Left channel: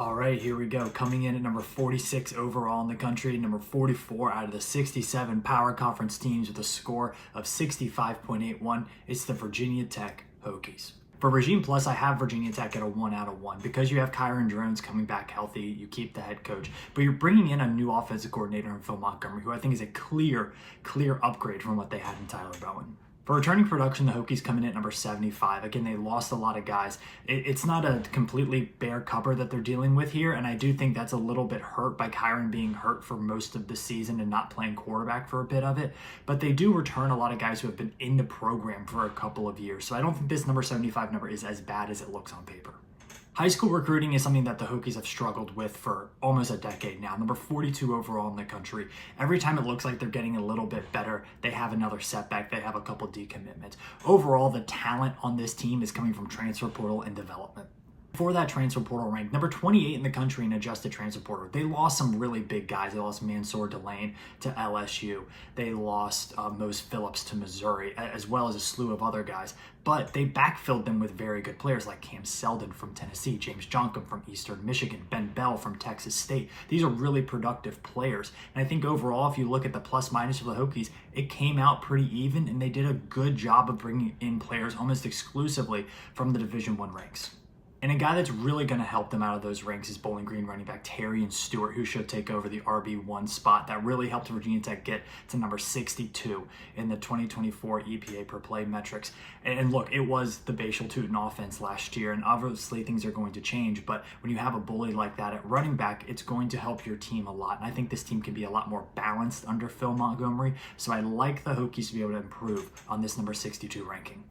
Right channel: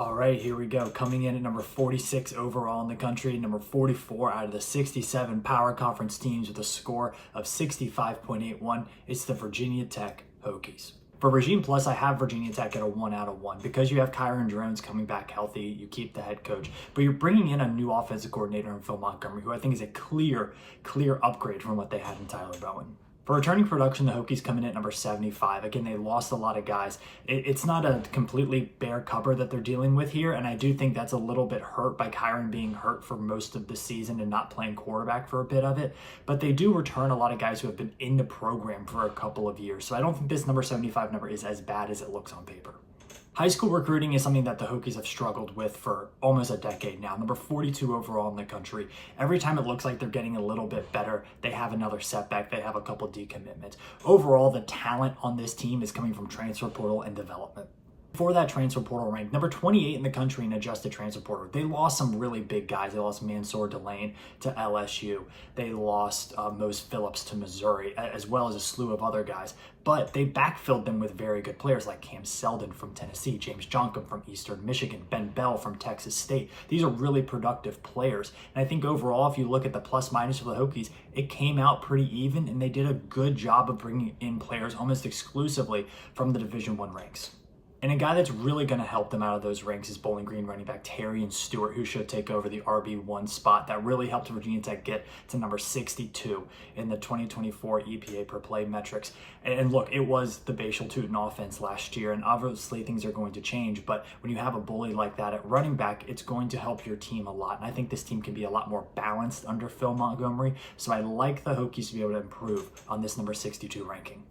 All right, here we go. Coming in at number 46 overall in the country, number 44 out of the 67 Power Conference teams with a score of 65.81. It's the Virginia Tech Hokies. For Regime Plus, I have Virginia Tech at a 1 out of 1. Because you have Kyron Drones coming back healthy, you keep the head coach. But you're bringing in a new offensive coordinator in Phil Montgomery, who I think is a clear upgrade from what they had in Tyler Bowen. For returning production, the Hokies come in at number 75. Again, they lost a lot of guys. It's not a completely bare cupboard that they're dealing with here, and I do think that's a little bit hurt by Kyron being hurt for most of the season and not playing quarterback for a bit of it. But they do return a lot of guys who have been in the program for a couple of years. So I don't think this number 75 number is as bad as it looks on paper. High school recruiting is something that the Hokies have struggled with for almost a decade now. Number 42 overall in the country. Every time it looks like they're getting a little bit better, they have another setback. They have a couple decommitments. Overall, the talent on this team is coming from transfer portal and development. For that transfer portal rank, number 28 in the country in adjusted transfer portal. They lost some really big guys. They lost Mansour Delane to LSU. They lost Mose Phillips to Missouri, as well as a slew of other guys. But they backfilled them with very good players like Cam Seldon from Tennessee, James Johnkum from Eastern Michigan, Ben Bell from Texas State. These are really productive players. And I think overall, if you look at the plus minus for the Hokies, it came out pretty even, and they did a good job of bringing in players almost exclusively from the Division I ranks. And a guy that's really going to help them out of those ranks is Bowling Green running back Terrion Stewart, who should take over the RB1 spot. That really helped Virginia Tech get to number 62 in the 2024 EPA per play metrics. And look, it was the Bashal Tootin offense last year, and obviously things are going to change. But when you have a bully like that at running back, it's going to help your team a lot. And I think this team can be a lot more balanced under Phil Montgomery. So I like the Hokies to be able to improve on this number 62 ranking.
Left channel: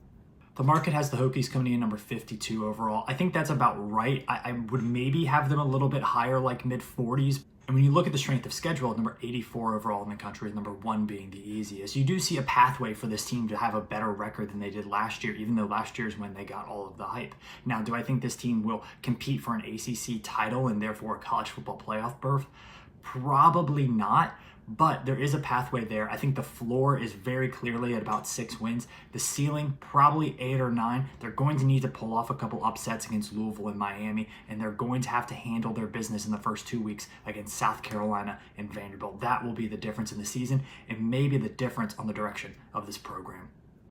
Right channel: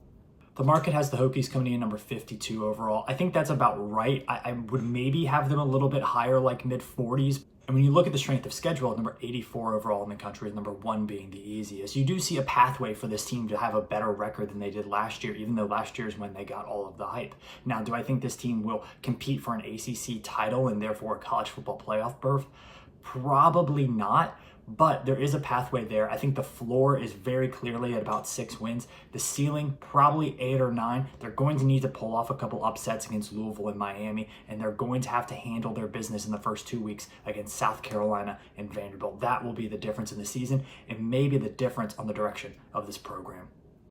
The market has the Hokies coming in number 52 overall. I think that's about right. I would maybe have them a little bit higher, like mid-40s. And when you look at the strength of schedule, number 84 overall in the country, number 1 being the easiest, you do see a pathway for this team to have a better record than they did last year, even though last year is when they got all of the hype. Now, do I think this team will compete for an ACC title and therefore a college football playoff berth? Probably not. But there is a pathway there. I think the floor is very clearly at about 6 wins. The ceiling, probably 8 or 9. They're going to need to pull off a couple upsets against Louisville and Miami, and they're going to have to handle their business in the first 2 weeks against South Carolina and Vanderbilt. That will be the difference in the season and maybe the difference on the direction of this program.